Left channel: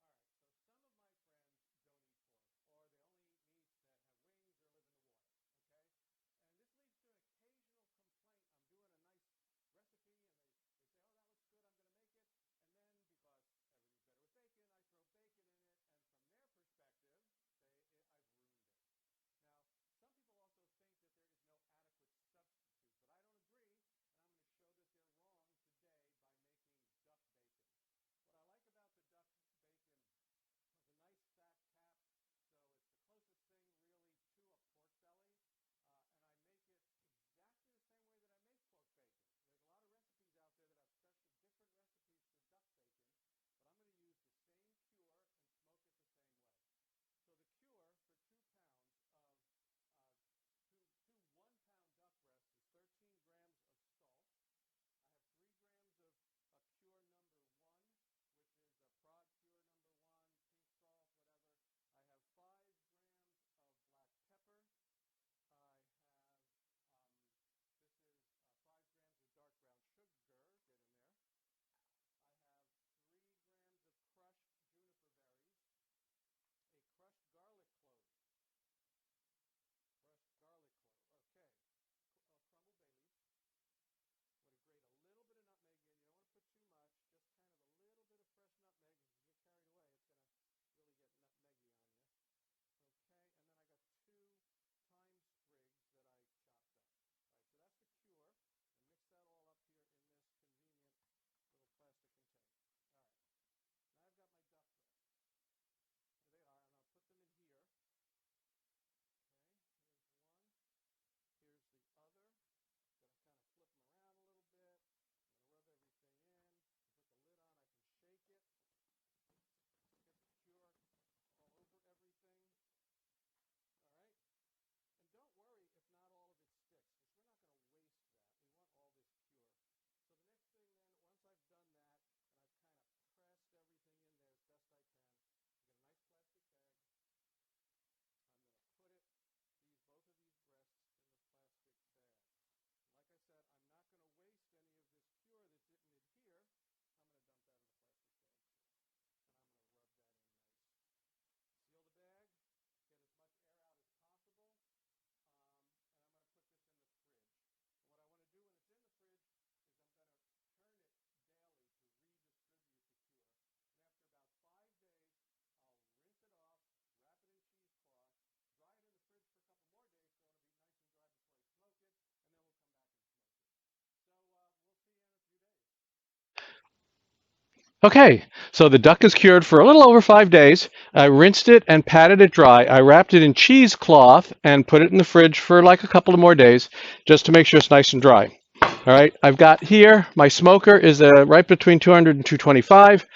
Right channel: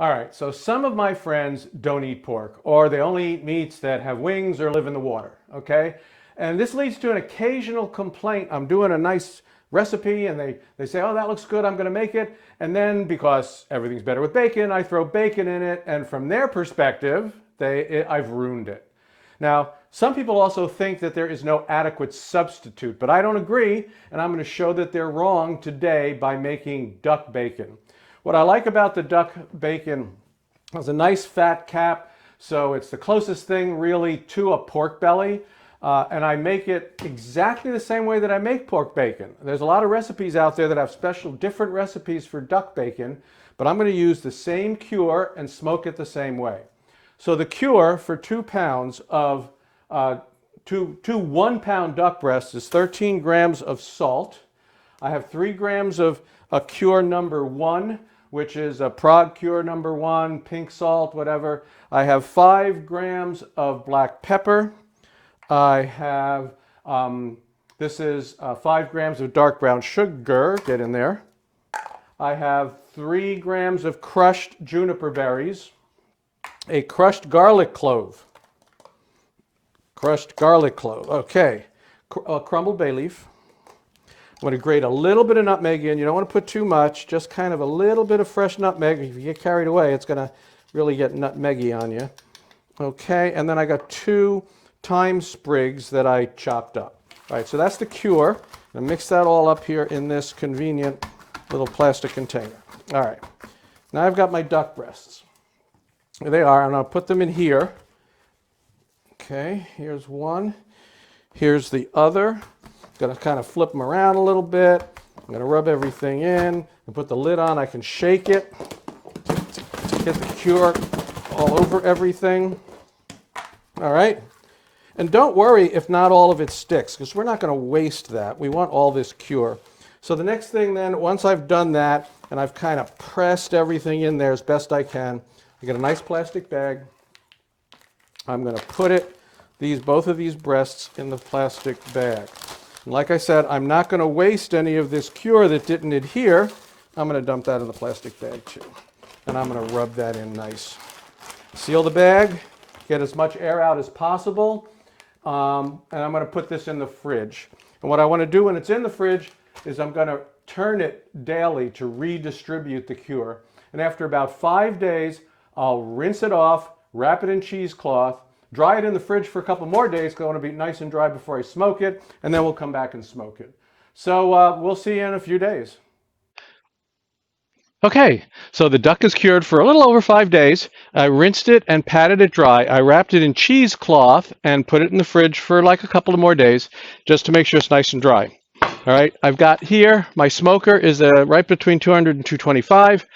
All right, so some of my friends don't eat pork, or they only eat meats that have wings or live in the water, okay? And this leads to an occasional complaint. I'm doing a nice recipe and they say, oh, that looks good, I'm gonna make it. And then because everything's better with bacon, I throw bacon in it, and from their perspective, I've ruined it. Now, some people also think that there is no adequate substitute, but I don't agree, and I'm going to show that they're wrong today by making duck bacon. What I like about the duck bacon is a nice fat cap, so it's the closest thing really to a pork belly, and I make it exactly the same way that I make pork bacon. There's a lot of recipes out there that have special different recipes for duck bacon, but I'm going to use the same cure and smoke it the same way. So the cure for 2 pounds of two 1-pound duck breasts is 13 grams of salt. I have 3 grams of a cure number 1, which is a Prague cure number 1, pink salt, whatever. I have 5 grams of black pepper. I have, this is 5 grams of dark brown sugar, get in there. I have 3 grams of crushed juniper berries, a crushed garlic clove, okay, crumbled bay leaf. I'm going to grate a little bit of nutmeg in. You don't want to put too much, just kind of a little bit of fresh nutmeg. If you get carried away, it's going to really get nutmeggy on you. Okay, and then I got 2 thyme sprigs that I chopped up. All right, so that's the cure. I'm going to mix that all up here in this convenient little plastic container. All right, now I've got my duck breasts. There they are, and I'll put them in here. Okay, here's one. Here's the other. Gonna kind of flip them around a little bit. I'm gonna rub everything in and put the lid on. I can shake it to get the cure all over everything. All right, and don't worry if not all of it sticks, because we're not gonna waste that. We want all this cure. So the next thing then, once I've done that and I've kind of pressed everything in there as best I can, I get a nice plastic bag. I'm gonna put both of these breasts in the plastic bag. And like I said, I'm not going to waste any of this cure that didn't adhere. I'm going to dump that in the plastic bag too. And I'm going to rub that in nice. Seal the bag, get as much air out as possible, and I'm going to put this in the fridge. And what I want to do when it's in the fridge is I'm going to turn it daily to redistribute the cure. And after about 5 days, I'll rinse it off, wrap it in cheesecloth, dry it in the fridge for a couple more days because I want to be nice and dry before I smoke it, and then we'll come back and smoke it. So we'll see you in a few days. Okay, so the duck is cured for a little over 5 days. I rinsed it and patted it dry. I wrapped it in cheesecloth and put it in the fridge for like a couple of more days just to make sure it's nice and dry. All right, I've got here, my smoker is right between 200 and 225.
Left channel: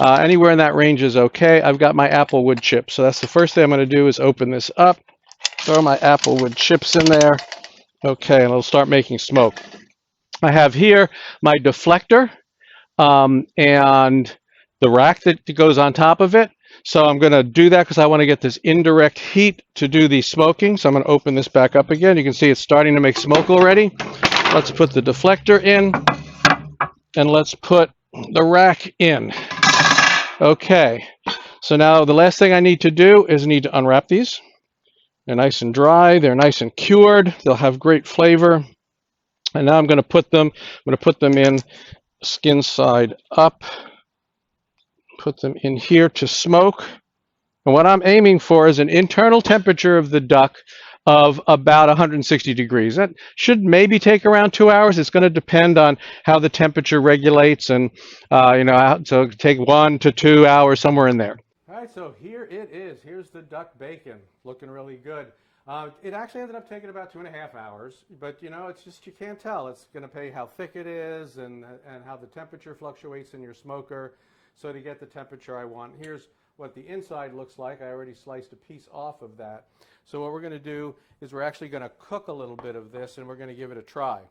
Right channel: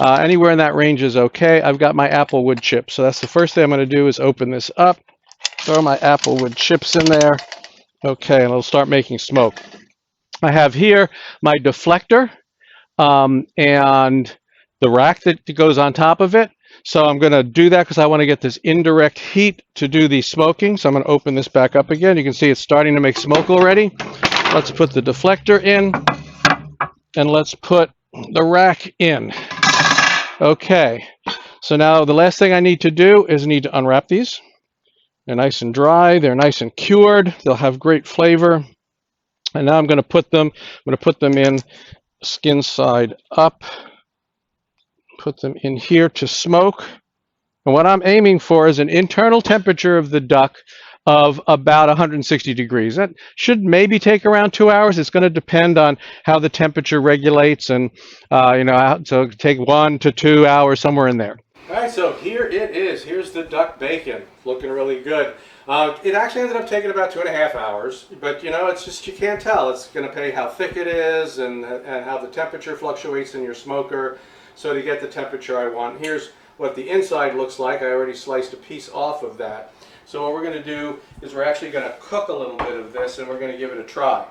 Anywhere in that range is okay. I've got my apple wood chips. So that's the first thing I'm going to do is open this up, throw my apple wood chips in there. Okay, and it'll start making smoke. I have here my deflector and the rack that goes on top of it. So I'm going to do that because I want to get this indirect heat to do the smoking. So I'm going to open this back up again. You can see it's starting to make smoke already. Let's put the deflector in and let's put the rack in. Okay, so now the last thing I need to do is need to unwrap these. They're nice and dry, they're nice and cured, they'll have great flavor. And now I'm going to put them in skin side up, put them in here to smoke. And what I'm aiming for is an internal temperature of the duck of about 160 degrees. That should maybe take around 2 hours. It's going to depend on how the temperature regulates, and so take 1 to 2 hours, somewhere in there. All right, so here it is. Here's the duck bacon, looking really good. It actually ended up taking about 2.5 hours, but it's just, you can't tell. It's going to pay how thick it is and how the temperature fluctuates in your smoker. So to get the temperature I want, here's what the inside looks like. I already sliced a piece off of that. So what we're going to do is we're actually going to cook a little bit of this, and we're going to give it a try.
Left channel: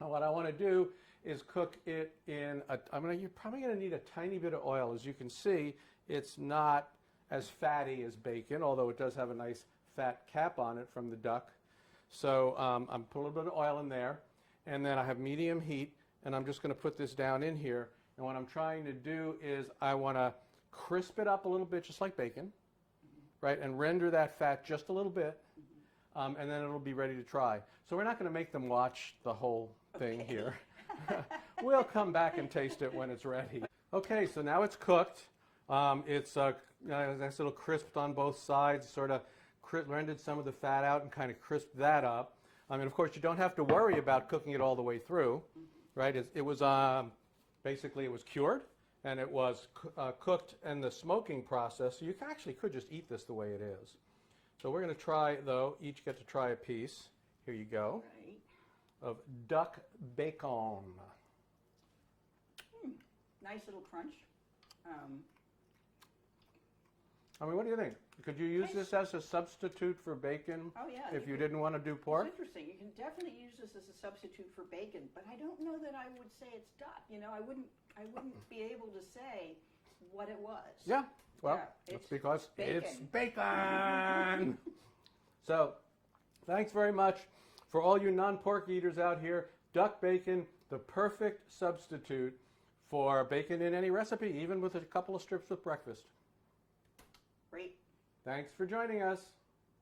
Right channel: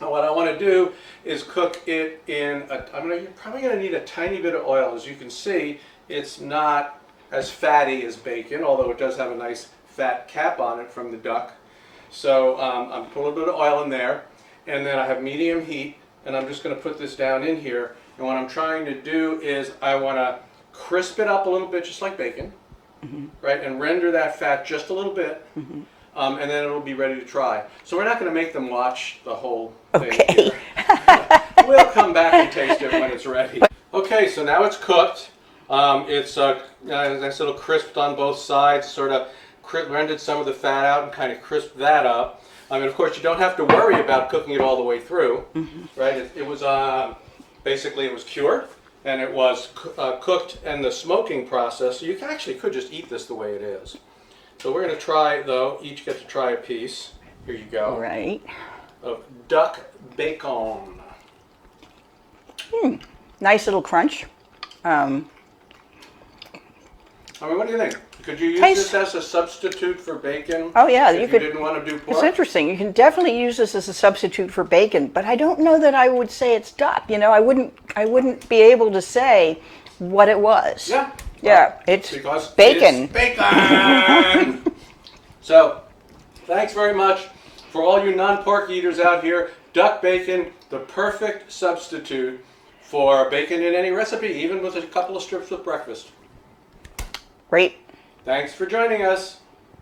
Now what I want to do is cook it in, you're probably going to need a tiny bit of oil. As you can see, it's not as fatty as bacon, although it does have a nice fat cap on it from the duck. So I'm put a little bit of oil in there, and then I have medium heat, and I'm just going to put this down in here. And what I'm trying to do is I want to crisp it up a little bit, just like bacon, right? And render that fat just a little bit, and then it'll be ready to try. So we're not going to make them watch the whole thing Okay. here. We'll come back and taste it when it's ready. Okay, so now it's cooked. It's nice little crisped on both sides, sort of rendered some of the fat out and kind of crisped that up. I mean, of course, you don't have to worry about cooking it all the way through, right? It was basically it was cured and it was cooked in the smoking process. So you actually could just eat this the way it is. So we're going to try, though, each get to try a piece. Here you go. Right. Of duck bacon. Nice little crunch. I mean, what do you think? Could you use Tastes- this as a substitute for bacon? Oh, yeah, if you could- didn't want to do It's pork? interesting. You can definitely use this as a substitute for bacon, but I don't know that I would say it's duck. You know, I wouldn't be able to say what it was. Yeah. Yeah, it's Because bacon. It's bacon! So, thanks very much for all you non-pork eaters out here. Duck bacon, the perfect substitute for bacon in any recipe, even with a couple of strips with breakfast. Great. Thanks for joining us.